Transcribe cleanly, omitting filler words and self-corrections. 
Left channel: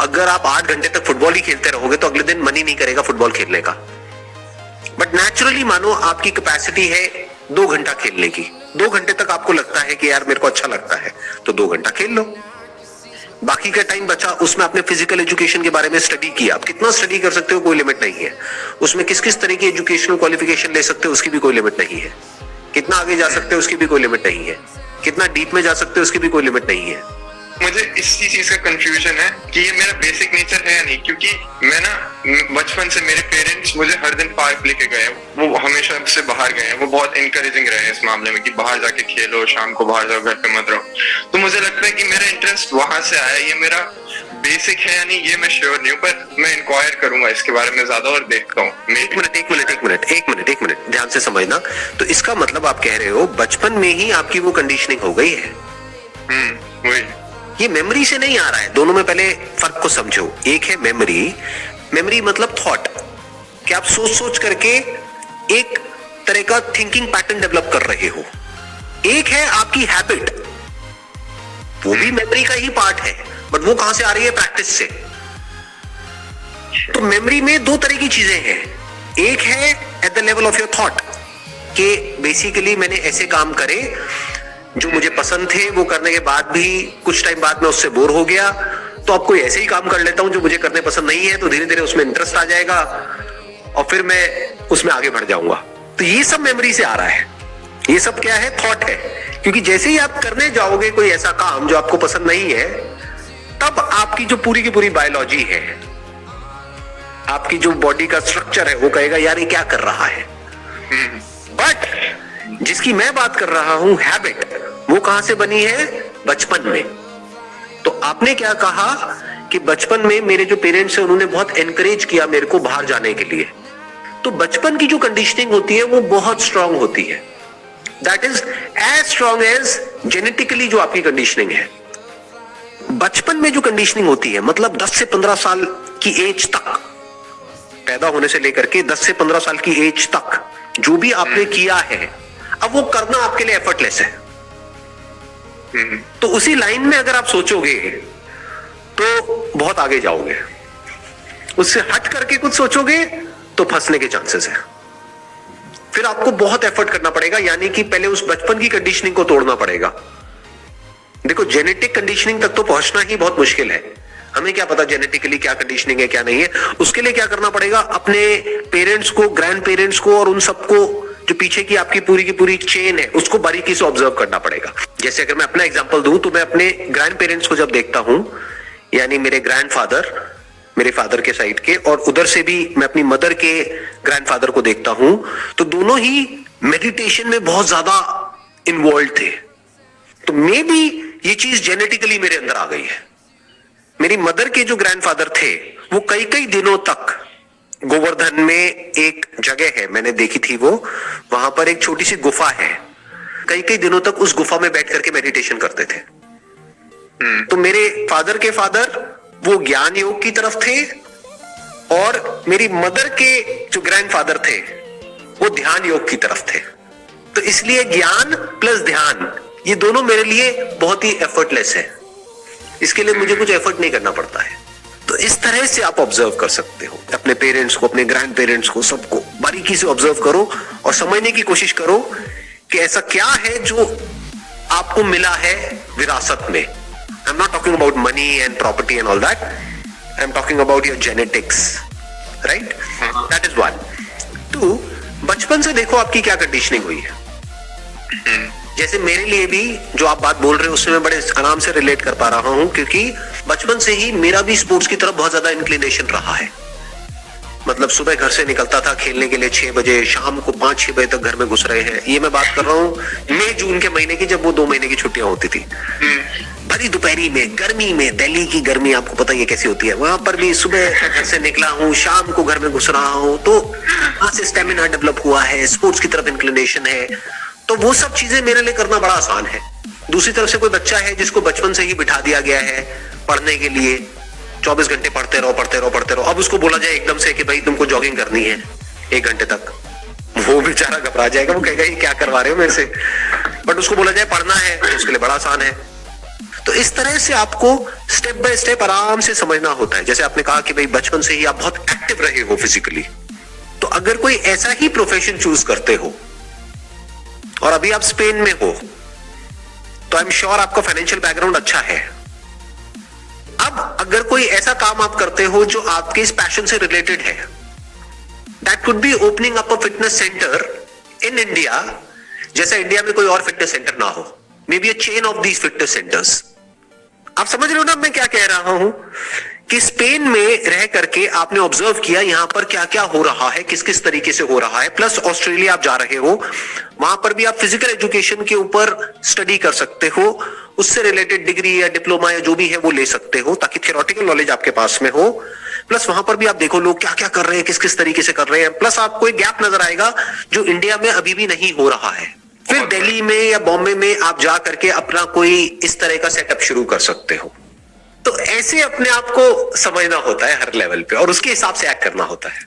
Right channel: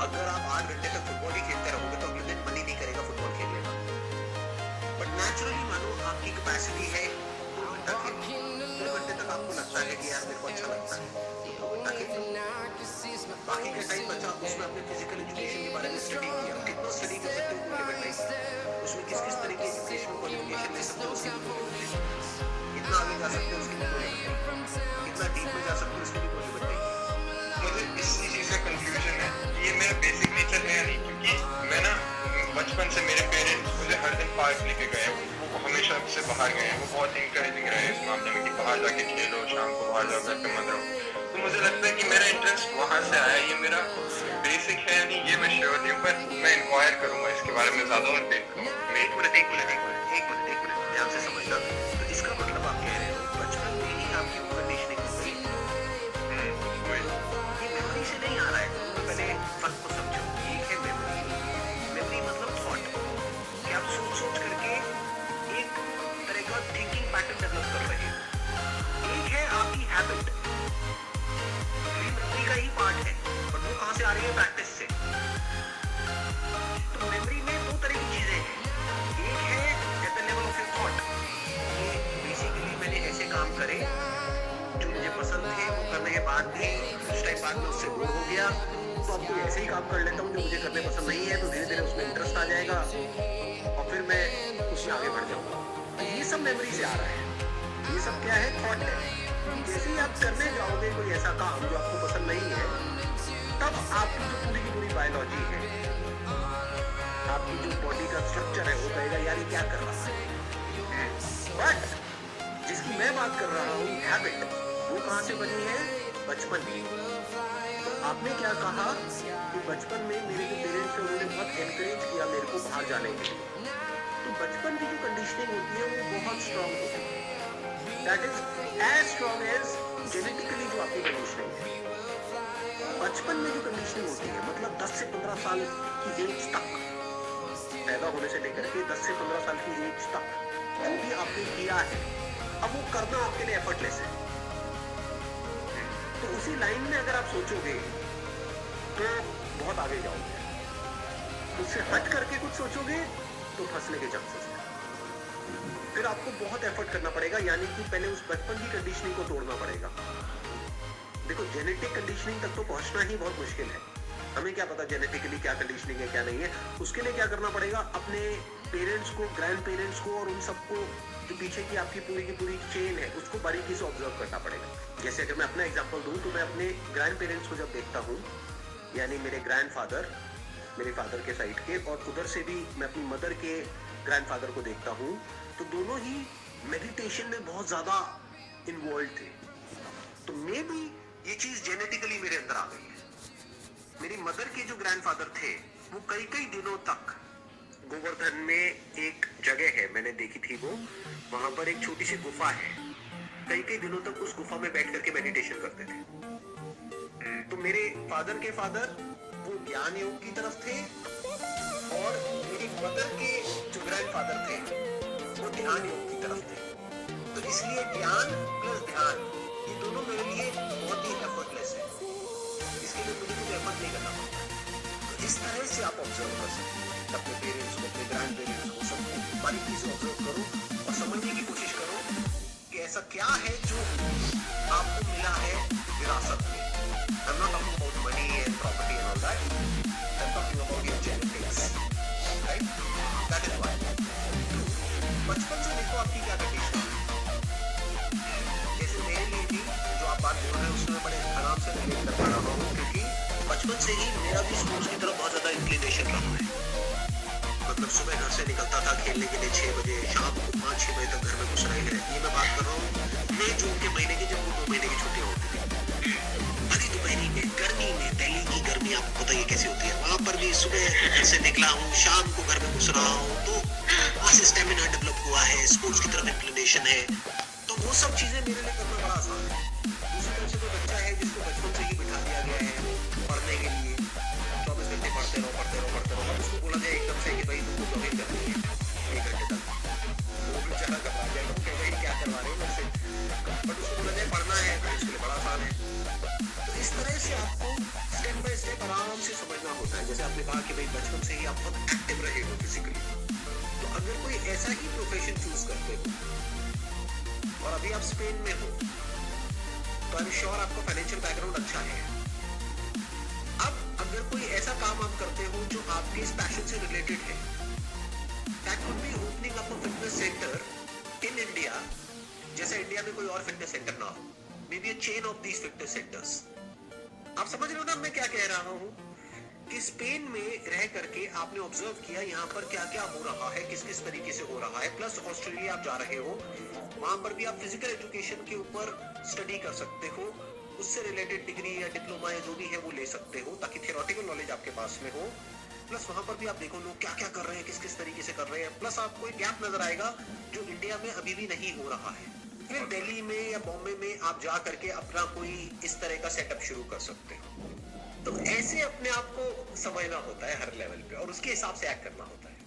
अगर आप 8 घंटे तक फुटबॉल ही खेलते रहोगे तो अगले दिन मन ही नहीं करेगा फुटबॉल खेलने का। बट नेचुरली मानो आपकी कैपेसिटी है 2 घंटा खेलने की, 2 घंटे तक आपको लगता है कि यार मेरे को अच्छा लगता है, तो 2 घंटा खेल लो। बाकी का टाइम बचा उसमें आपने फिजिकल एजुकेशन के बारे में स्टडी किया। आप कितना स्टडी कर सकते हो कोई लिमिट नहीं है। उसमें किस किस तरह की एजुकेशनल क्वालिफिकेशन ले सकते हो उसकी भी कोई लिमिट नहीं है। कितना आगे जा सकते हो उसकी भी कोई लिमिट नहीं है। कितना डीप में जा सकते हो उसकी भी कोई लिमिट नहीं है। मुझे इसी चीज का कंफ्यूजन है कि ये मेरा बेसिक नेचर है या नहीं, क्योंकि मैं ना बचपन से मेरे पेरेंट्स मुझे हर दिन पार्क लेके गए, वो हमेशा से बाहर गए हैं, वो बहुत इनकरेजिंग रहे इस मामले में कि बाहर जाके खेलो, शाम को बाहर जाओ, घर पे मत रहो। तो मुझे लगता है कि मेरा इंटरेस्ट वहां से आया। ये मेरा बेसिक है या नहीं ये मैं श्योर नहीं हूँ, पर मैं इंक्वायर करूंगा इसके बारे में ज्यादा और देखता हूँ। एक मिनट ध्यान से समझना। तो इसका मतलब आप कह रहे हो बचपन में ही आपकी वो कंडीशनिंग हो गई है। वही, ये मेमोरी से नहीं आ रहा है। दोनों में पहले फर्क को समझो। एक है मेमोरी, मेमोरी मतलब थॉट, कि आप सोच सोच करके एक तरह का थिंकिंग पैटर्न डेवलप कर रहे हो। एक है आपकी हैबिट, वो भी मेमोरी का ही पार्ट है, बट वो कहां से आ रही है? प्रैक्टिस से। तो मेमोरी में 2 तरह की चीजें हैं। एक है at the level of your thought, कि बेसिकली मैंने ऐसे काम करे जो मुझे पसंद थे, वो करने के बाद भी कुछ टाइम बाद में उससे बोर हो गया, तो अब कोई ऐसे ही काम कर लेता हूं जो मुझे करने पसंद नहीं है, तो धीरे धीरे उसमें इंटरेस्ट आ जाएगा और फिर मैं उसमें आगे बढ़ जाऊंगा। तो ये सब मेमोरी से आ रहा है। ये सब क्या है? थॉट है। क्योंकि जैसे ही आप करने जाओगे कोई ऐसा काम जो आपको पसंद नहीं है, तब आपकी जो पूरी की पूरी बायोलॉजी है, आपकी जो बॉडी का स्ट्रक्चर है, वो कहेगा यार ये क्या कर रहा है। बट जिसकी मैं बात कर रहा हूं हैबिट, वो कहां से बनी है? बचपन में। तो आपने क्या कहा कि बचपन में मेरे जो पेरेंट्स हैं उन्होंने बहुत एनकरेज किया मेरे को बाहर जाने के लिए। तो बचपन की जो कंडीशनिंग होती है वो बहुत स्ट्रांग होती है। That is as strong as genetically जो आपकी कंडीशनिंग है। बचपन में जो कंडीशनिंग होती है, मतलब 10 से 15 साल की एज तक, पैदा होने से लेकर के 10 से 15 साल की एज तक जो भी आपने किया है, अब वो करना आपके लिए एफर्टलेस है। तो उसी लाइन में अगर आप सोचोगे तो बहुत आगे जाओगे। उससे हट करके कुछ सोचोगे तो फंसने के चांसेस है। फिर आपको बहुत एफर्ट करना पड़ेगा, यानी कि पहले उस बचपन की कंडीशनिंग को तोड़ना पड़ेगा। देखो, जेनेटिक कंडीशनिंग तक तो पहुंचना ही बहुत मुश्किल है। हमें क्या पता जेनेटिकली क्या कंडीशनिंग है क्या नहीं है। उसके लिए क्या करना पड़ेगा? अपने पेरेंट्स को, ग्रैंड पेरेंट्स को और उन सबको जो पीछे की आपकी पूरी चेन है उसको बारीकी से ऑब्जर्व करना पड़ेगा। जैसे अगर मैं अपना एग्जांपल दूं तो मैं अपने ग्रैंड पेरेंट्स को जब देखता हूं, यानी मेरे ग्रैंडफादर, मेरे फादर के साइड के, और उधर से भी मैं अपनी मदर के ग्रैंडफादर को देखता हूं, तो दोनों ही मेडिटेशन में बहुत ज्यादा इन्वॉल्व थे। तो मे बी ये चीज जेनेटिकली मेरे अंदर आ गई है। मेरी मदर के जो ग्रैंडफादर थे वो कई कई दिनों तक गोवर्धन में एक जगह है, मैंने देखी थी वो, वहां पर एक छोटी सी गुफा है, कई कई दिनों तक उस गुफा में बैठ करके मेडिटेशन करते थे। तो मेरे फादर के फादर वो ज्ञान योग की तरफ थे, और मेरी मदर के जो ग्रैंडफादर थे वो ध्यान योग की तरफ थे। तो इसलिए ज्ञान प्लस ध्यान ये दोनों मेरे लिए बहुत ही एफर्टलेस है। इसके लिए मुझे कुछ एफर्ट नहीं करना पड़ता है। तो इस तरह से आप ऑब्जर्व कर सकते हो अपने पेरेंट्स को, अपने ग्रैंड पेरेंट्स को, सबको बारीकी से ऑब्जर्व करो और समझने की कोशिश करो कि ऐसा क्या है जो आपको मिला है विरासत में। I am not talking about money and property and all that, I am talking about your genetics, right? That is one. 2, बचपन से देखो आपकी क्या कंडीशनिंग हुई है। जैसे मेरे लिए भी जो आप बात बोल रहे हो उससे मैं बड़े आराम से रिलेट कर पा रहा हूं, क्योंकि बचपन से ही मेरा भी स्पोर्ट्स की तरफ बहुत ज्यादा इंक्लिनेशन रहा है। मतलब सुबह घर से निकलता था खेलने के लिए 6 बजे, शाम को 5-6 बजे तक घर में घुस रहे हैं। ये मैं बात कर रहा हूँ मई जून के महीने की, जब वो 2 महीने की छुट्टियां होती थी। भरी दोपहरी में, गर्मी में, दिल्ली की गर्मी आपको पता ही है कैसी होती है। वहां पर भी सुबह घर से निकला हूँ, शाम को घर में घुस रहा हूँ, तो वहां से स्टेमिना डेवलप हुआ है, स्पोर्ट्स की तरफ इंक्लिनेशन है। तो वो सब चीजें मेरे लिए करना बड़ा आसान है। दूसरी तरफ से कोई बच्चा है जिसको बचपन से ही बिठा दिया गया है पढ़ने के लिए, 24 घंटे पढ़ते रहो। अब उसको बोला जाए एकदम से कि भाई तुमको जॉगिंग करनी है 1 घंटे तक, वो बेचारा घबरा जाएगा, वो कहेगा ये क्या करवा रहे हो मेरे से। बट उसको बोला जाए पढ़ना है तो उसके लिए बड़ा आसान है। तो इस तरह से आपको स्टेप बाय स्टेप आराम से समझना होता है। जैसे आपने कहा कि भाई बचपन से ही आप बहुत एक्टिव रहे हो फिजिकली, तो अगर कोई ऐसा ही प्रोफेशन चूज करते हो और अभी आप स्पेन में हो, तो आई एम श्योर आपका फाइनेंशियल बैकग्राउंड अच्छा है। अब अगर कोई ऐसा काम आप करते हो जो आपके इस पैशन से रिलेटेड है, that could be opening up a fitness centre in India, जैसा इंडिया में कोई और फिटनेस सेंटर ना हो, may be a chain of these fitness centres. आप समझ रहे हो ना मैं क्या कह रहा हूं, कि स्पेन में रह करके आपने ऑब्जर्व किया यहां पर क्या क्या हो रहा है, किस किस तरीके से हो रहा है, प्लस ऑस्ट्रेलिया आप जा रहे हो, वहां पर भी आप फिजिकल एजुकेशन के ऊपर स्टडी कर सकते हो, उससे रिलेटेड डिग्री या डिप्लोमा या जो भी है वो ले सकते हो, ताकि थियोरेटिकल नॉलेज आपके पास में हो। प्लस वहां पर भी आप देखो लोग क्या क्या कर रहे हैं, किस किस तरीके से कर रहे हैं, प्लस आपको एक गैप नजर आएगा जो इंडिया में अभी भी नहीं हो रहा है। फिर दिल्ली में या बॉम्बे में आप जा करके अपना कोई इस तरह का सेटअप शुरू कर सकते हो। तो ऐसे अपने आप को समझना होता है हर लेवल पे, और उसके हिसाब से एक्ट करना होता है।